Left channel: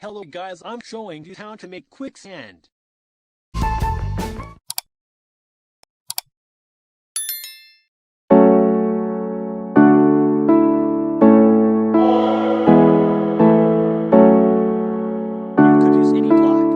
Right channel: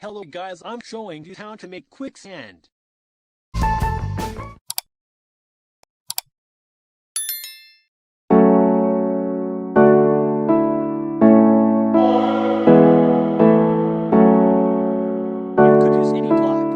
Hello guys, I'm showing you how to make quicksand. You could use any block.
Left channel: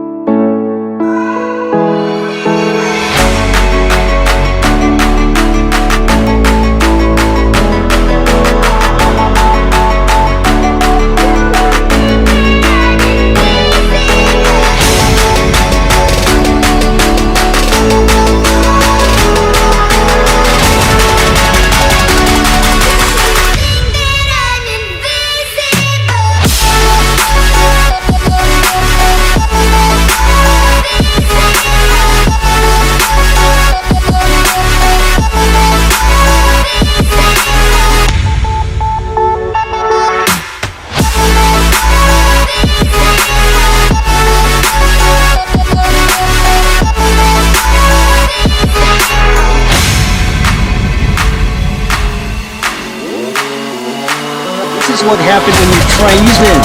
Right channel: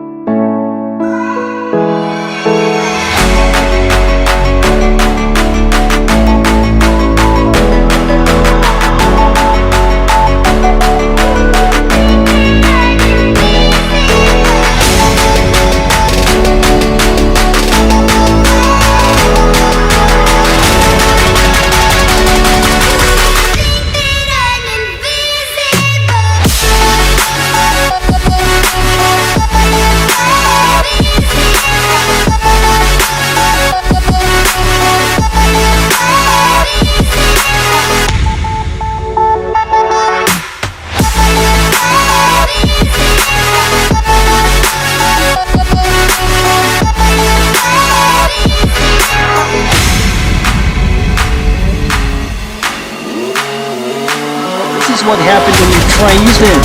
This is what happened when you try using.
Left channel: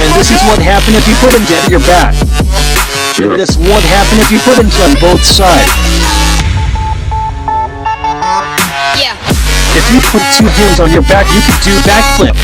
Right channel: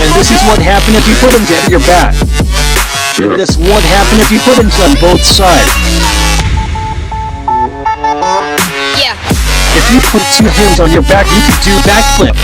And this is what happened if you put it at your back. And this would happen if you put it on both sides. Yeah. If you put two hands on your back, you could do backflip.